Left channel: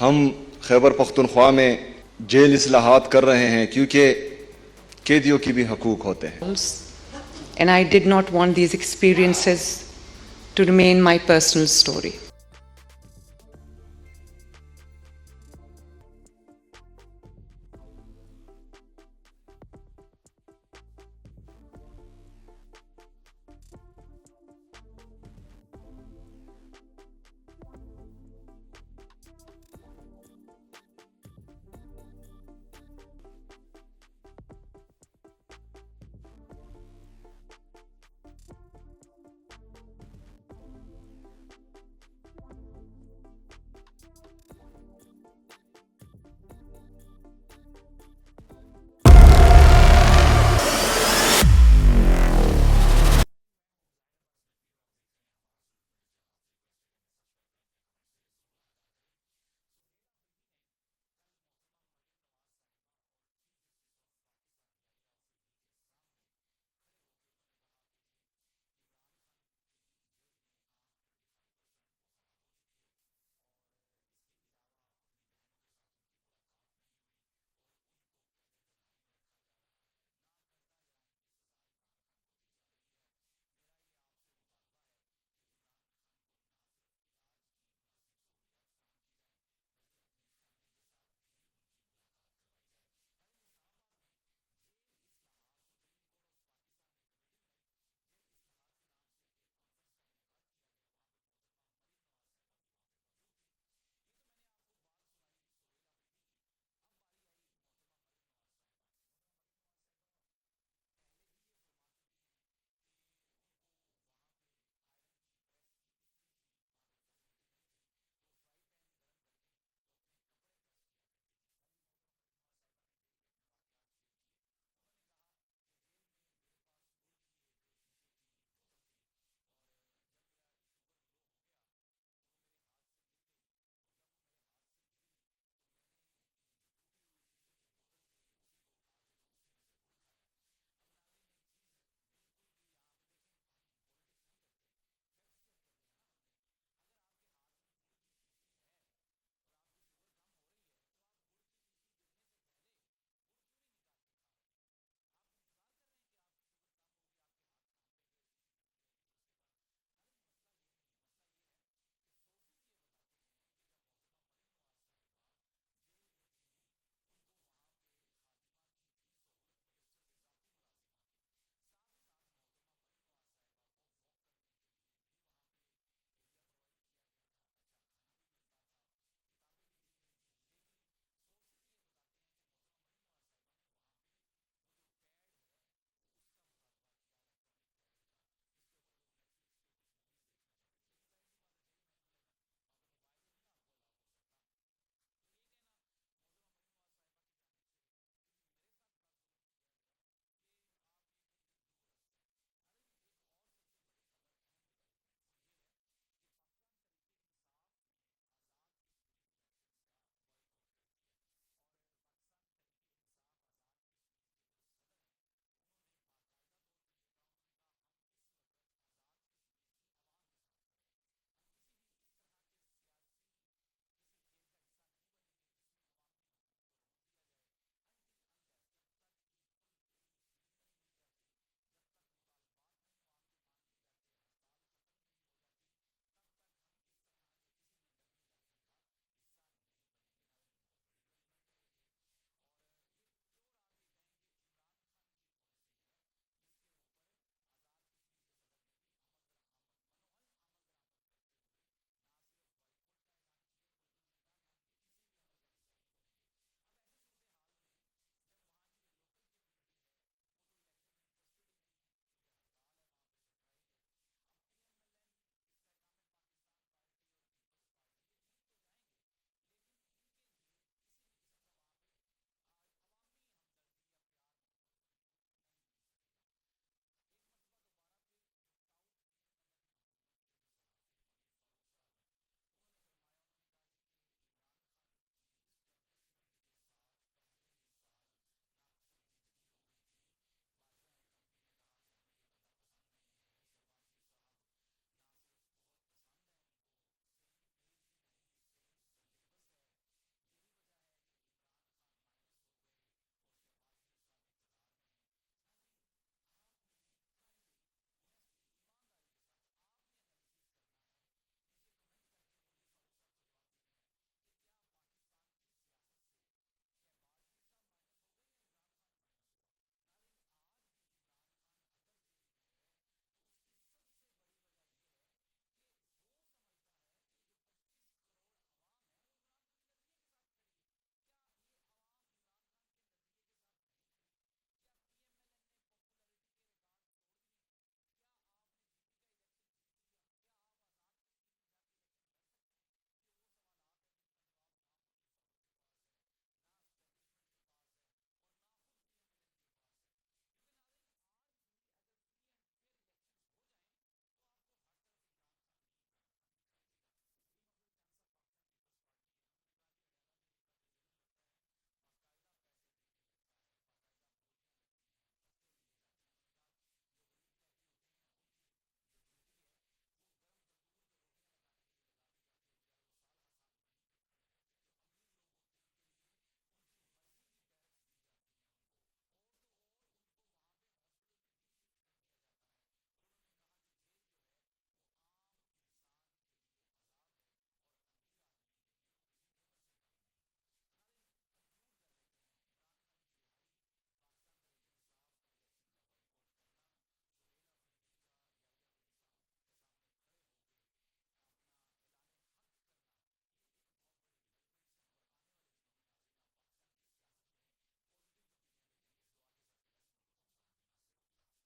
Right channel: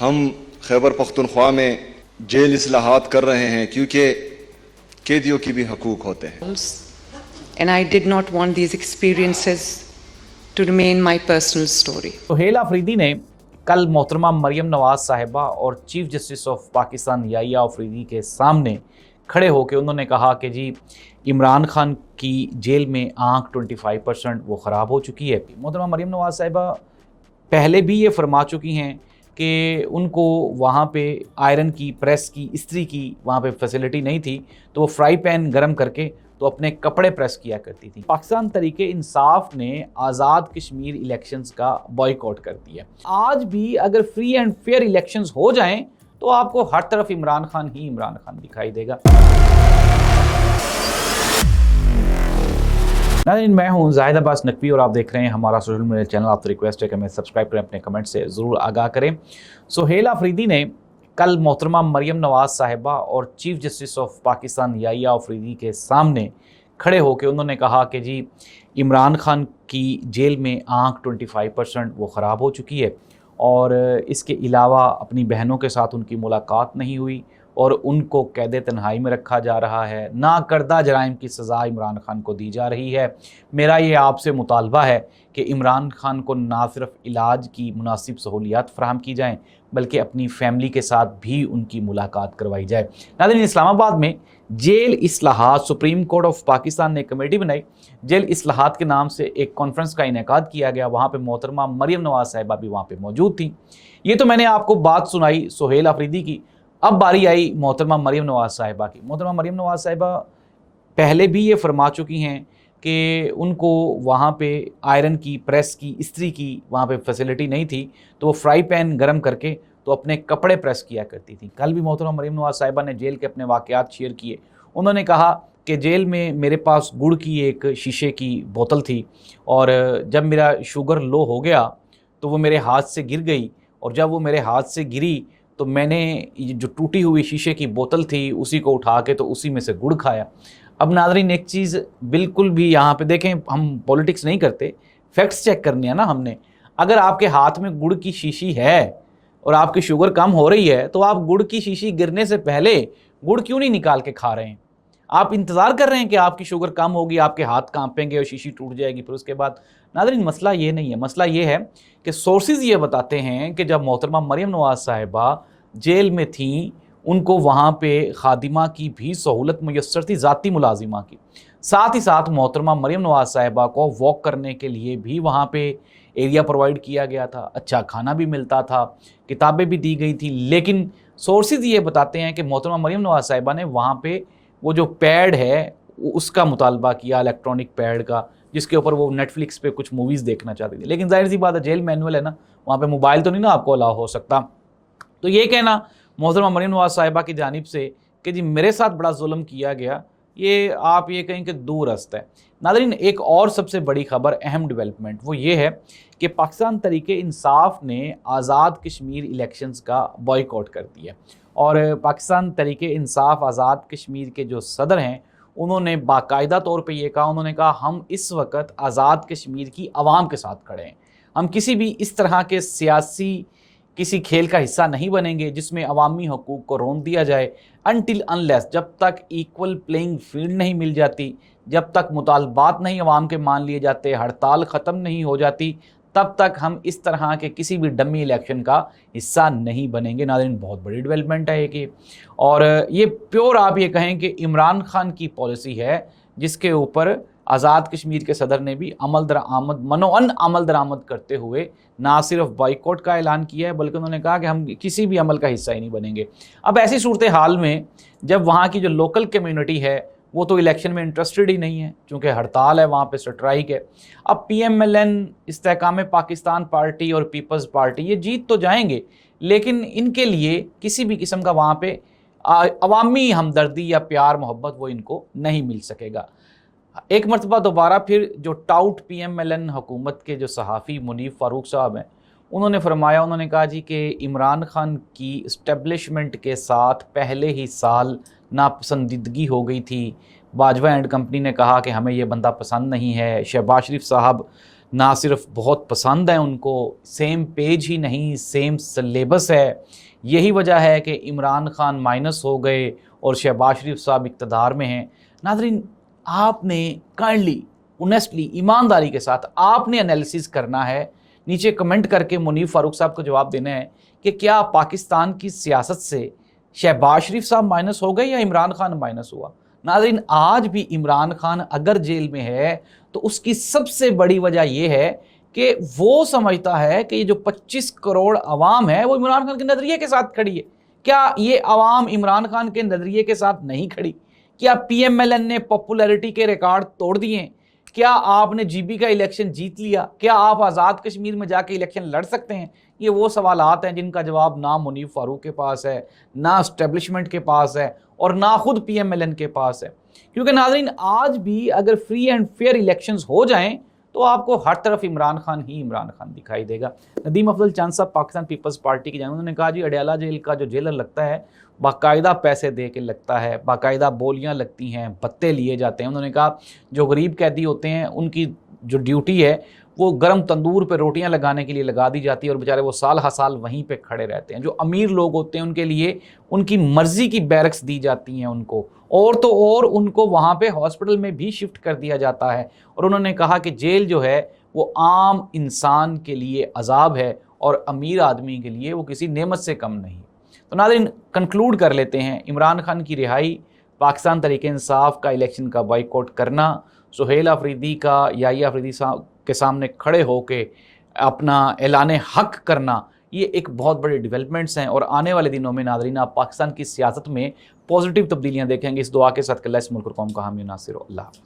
ہم خیبر پختونخوا میں جیل اصلاحات کر رہے ہیں کیونکہ قیدیوں کی بھی حقوق ہوتے ہیں. And I did not want these experiences to remain my personal story. Sohail Afridi نے کل محترمہ مریم نواز صاحبہ اور چیف جسٹس آف پاکستان یحییٰ آفریدی کے سامنے کھڑے ہو کے انہوں نے کہا کہ جی عمران خان کی جیل میں آنکھ 25% وہ خراب ہو چکی ہے. محترمہ مریم نواز صاحبہ پہلے بھی یہ فرما چکی ہیں کہ ان کو وہاں پہ آئرن کی، پریس کی، استری کی وہاں پہ فیسلٹی نہیں تھی تو وہ فرائی پین گرم کر کے تو اپنے کپڑے پریس کیا کرتی تھی. پاکستان تحریک انصاف نے آزاد کشمیر الیکشنز کا بائیکاٹ کر دیا. آج بھی اگر فری اینڈ فیئر الیکشنز ہو جائیں تو آپ کو ہر طرف عمران خان ہی عمران خان دکھائی دے گا. ناظرین، میں ہوں زاہد عباس نقوی اور آپ دیکھ رہے ہیں ہمارا سوشل میڈیا چینل. آپ سے ریکویسٹ ہے کہ ہمیں سبسکرائب کریں، اپنے کمنٹ سے ضرور آگاہ کریں. سہیل آفریدی نے کل محترمہ مریم نواز صاحبہ اور چیف جسٹس آف پاکستان یحییٰ آفریدی کے سامنے کھڑے ہو کے انہوں نے کہا کہ جی عمران خان کی جیل میں آنکھ 25% وہ خراب ہو چکی ہے اور اس کے علاوہ اپنی بہنوں کے ساتھ ان کی ملاقات نہیں ہوئی اور ان کو قید تنہائی میں رکھا جا رہا ہے. ناکردہ جرائم کی سزا عمران خان کو دی جا رہی ہے. میرا یہ آپ سے مطالبہ ہے کہ عمران خان کو نہ صرف علاج کی مناسب سہولیات فراہم کی جائیں بلکہ اپنی فیملی کے ساتھ بھی ان کی ملاقات کروائی جائے. ناظرین، اسلام آباد میں جیل اصلاحات، سپریم کورٹ آف پاکستان نے کمیٹی بنائی. جیل اصلاحات کے نام سے ایک کانفرنس کا انعقاد کیا گیا. وہاں پہ محترمہ مریم نواز صاحبہ بھی وہاں پہ موجود تھیں. یہ تو میں نے آپ کو بات سنائی سہیل آفریدی کی. اب باری آئی محترمہ مریم نواز صاحبہ کی. محترمہ مریم نواز صاحبہ پہلے بھی یہ فرما چکی ہیں کہ ان کو وہاں پہ آئرن کی، پریس کی، استری کی وہاں پہ فیسلٹی نہیں تھی تو وہ فرائی پین گرم کر کے تو اپنے کپڑے پریس کیا کرتی تھیں. کل بھی محترمہ مریم نواز صاحبہ نے جیل کے اپنے واقعات شیئر کیے. انہوں نے کہا کہ جیل میں میرے پاس گڑ کی ایک شیشے کی بوتل تھی اور جب میرا شوگر لو ہو گیا تو وہ میرے ہاتھ سے گر گئی اور جب وہ میرے ہاتھ سے گری تو میں نے جو ٹوٹی ہوئی شیشے کی بوتل تھی اسی کو اٹھا کے تو اسی میں سے گڑ کھایا. اب ناظرین، ایک چیز بالکل بھی یہاں پہ دیکھیں، ہم پولیٹکس نہیں کرتے، فیکٹس چیک کرنے ہیں نا ہم نے. اگر آپ کے ہاتھ میں گڑ کی شیشی ہے اور آپ کی شوگر کم ہو رہی ہے تو آپ گڑ کی شیشی گرنے سے پہلے گڑ کیوں نہیں نکال کے کھا رہے ہیں؟ آپ انتظار کر رہے ہیں کہ آپ کی شوگر کم ہوگی، آپ کے ہاتھ کانپیں گے اور شیشی ٹوٹ جائے گی پھر اس کے بعد. ناظرین، مسئلہ یہ نہیں ہے. مسئلہ یہ ہے کہ سورسز یہ بتاتے ہیں کہ جب محترمہ مریم نواز صاحبہ جیل میں تھیں ان کو وہاں پہ خادمہ کی بھی سہولت میسر تھی، ذاتی ملازمہ کی. ساتھ ہی ساتھ محترمہ مریم نواز صاحبہ کو واک کرنے کے لیے بھی وہاں پہ ایریا پرووائڈ کیا گیا تھا، اچھا کھانا بھی ملتا تھا، کتابیں بھی دی گئی تھیں. لیکن سورسز یہ بتاتے ہیں کہ محترمہ مریم نواز صاحبہ نے وہاں پہ وہ جو پیڈ ہے اس کا مطالبہ کیا، الیکٹرانک پیڈ کا، جس کے اوپر وہ نیٹ فلکس پہ کچھ موویز دیکھنا چاہتی تھی. لیکن ظاہر سی بات ہے، جیل مینول ہے نا، وہاں پہ موبائل تو نہیں نا آپ کو الاؤ ہو سکتا. تو یہ کہنا محترمہ مریم نواز صاحبہ کی جانب سے کہ جی میرے ساتھ بڑا ظلم کیا گیا، یہ آپ یہ کہیں کہ دور است ہے. ناظرین، ایک اور سب سے بڑی خبر، اہم ڈیولپمنٹ، وہ یہ ہے کہ پاکستان تحریک انصاف نے آزاد کشمیر الیکشنز کا بائیکاٹ کر دیا. اور پاکستان تحریک انصاف آزاد کشمیر کے جو صدر ہیں انہوں نے باقاعدہ طور پہ یہ کہا، انہوں نے کہا ہم اس وقت آزاد کشمیر کی عوام کے ساتھ کھڑے ہیں. ہم کسی بھی اس طرح کے سیاسی کسی کھیل کا حصہ نہیں بنیں گے جس میں عوامی حقوق کو رون دیا جائے. انٹل انلیس، جب تک ایکول پلینگ فیلڈ نہیں مل جاتی، جب تک مطالبات نہیں عوام کے مان لیے جاتے، ہڑتال ختم نہیں ہو جاتی، تب تک ہم اس طرح کے کسی بھی ڈمی الیکشن کا حصہ نہیں بنیں گے. ناظرین، بہت بڑی ڈیولپمنٹ ہے یہ اور یہ پیور آپ یہ کہیں کہ عمران خان کی پالیسی ہے جس کے اوپر آزاد کشمیر کے صدر نے بھی عمل درآمد منوعاً عمل درآمد کرتے ہوئے نہ صرف بائیکاٹ کا اعلان کیا ہے بلکہ انہوں نے کہا کہ ہم کسی بھی عمل کا حصہ ہی نہیں بنیں گے. اب ایسی صورتحال میں جب وہاں کی جو لوکل کمیونٹی ہے وہ تو الیکشن میں انٹرسٹڈ ہی نہیں ہے چونکہ ہڑتال ہے، وہاں پہ سٹرائک ہے. اب پی ایم ایل این، استحکام پاکستان پارٹی اور پیپلز پارٹی یہ جیت تو جائیں گے لیکن ان کے لیے کسی بھی قسم کا وہاں پہ عوامی ہمدردی یا پیار محبت وہ ان کو نہیں مل سکے گا. ایک مرتبہ دوبارہ پھر جو tout P M L N حکومت کے جو صحافی منیف فاروق صاحب ہیں انہوں نے فرمایا، انہوں نے کہا جی کہ عمران خان کی اسٹیبلشمنٹ کے ساتھ پہلے ہی سال ناپسندیدگی ہو گئی تھی. باجوہ اینڈ کمپنی نے کہا کہ ہمیں یہ بندہ پسند نہیں ہے. شہباز شریف صاحب نہ صرف بہت پسند ہیں ان کو، سیم پیج ہی نہیں، سیم سلیبس ہے. یہی وجہ ہے کہ عمران خان مائنس ہو گئے اور شہباز شریف صاحب اقتدار میں ہیں. ناظرین، آپ نے کائنڈلی، اونیسٹلی، ایمانداری کے ساتھ آپ نے انالیسز کرنا ہے، نیچے کمنٹ کر کے منیب فاروق صاحب کو جواب دینا ہے کہ کیا پاکستان کی سیاست سے شہباز شریف صاحب مائنس ہو گئے یا عمران خان مائنس ہوا. ناظرین، آج بھی عمران خان اگر جیل میں ہے تو اس کی سب سے بڑی وجہ یہ ہے کہ وہ سمجھتا ہے کہ یہ جو 25 کروڑ عوام ہے وہ عمران خان کے نظریے کے ساتھ کھڑی ہے. کیا یہ عوام عمران خان کے نظریے کے ساتھ نہیں کھڑی؟ کیا پی ایم ایل این نے پاپولیرٹی کے ریکارڈ توڑ دیے؟ کیا آپ نے جی بی کا الیکشن جیت لیا؟ کیا آپ آزاد کشمیر میں جا کے الیکشن لڑ سکتے ہیں؟ یہ وہ سوالات ہیں جن کا جواب نہ منیب فاروق کے پاس ہے، نہ اسٹیبلشمنٹ کے پاس ہے، اور نہ خود پی ایم ایل این کے پاس ہے. کیونکہ ناظرین، آج بھی اگر فری اینڈ فیئر الیکشنز ہو جائیں تو آپ کو ہر طرف عمران خان ہی عمران خان دکھائی دے گا. ندیم افضل چاند صاحب پاکستان پیپلز پارٹی کی جانب، انہوں نے کہا جی اڈیالہ جیل کا جو جیلر لگتا ہے باقاعدہ پیسے دے کے لگتا ہے، باقاعدہ بولیاں لگتی ہیں، بھتے لیے جاتے ہیں. انہوں نے کہا جو غریب قیدی ہوتے ہیں ان کی جو ڈیوٹی ہے وہ گرم تندور پہ روٹیاں لگانے کے لیے لگا دی جاتی ہے اور بیچارے وہ سال ہر سال وہیں پہ کھڑے رہتے ہیں. جو امیر لوگ ہوتے ہیں ان کے لیے ان کی مرضی کی بیرکس دی جاتی ہیں ان کو، اور تو اور ان کو وہاں پہ ہاسپٹل میں بھی شفٹ کر دیا جاتا ہے. اور انہوں نے کہا کہ جیل جو ہے وہ عام انسان کے لیے عذاب ہے اور امیر آدمی کے لیے وہ کسی نعمت سے کم نہیں. تو ناظرین، کنکلوڈ کر لیتے ہیں، عمران خان کی رہائی، پاکستان تحریک انصاف کا الیکشن کا بائیکاٹ کرنا، سہیل آفریدی کا یحییٰ آفریدی صاحب کے سامنے کھڑے ہو کے اپنا اعلان حق کرنا، یہ ایک بہت بڑے ڈیولپمنٹس ہیں. اور آنے والے دنوں میں ناظرین آپ پاکستان کی سیاست میں پازیٹیو تبدیلیاں دیکھیں گے. اس دعا کے ساتھ کہ اللہ اس ملک اور قوم کا حامی و ناصر ہو. اللہ حافظ.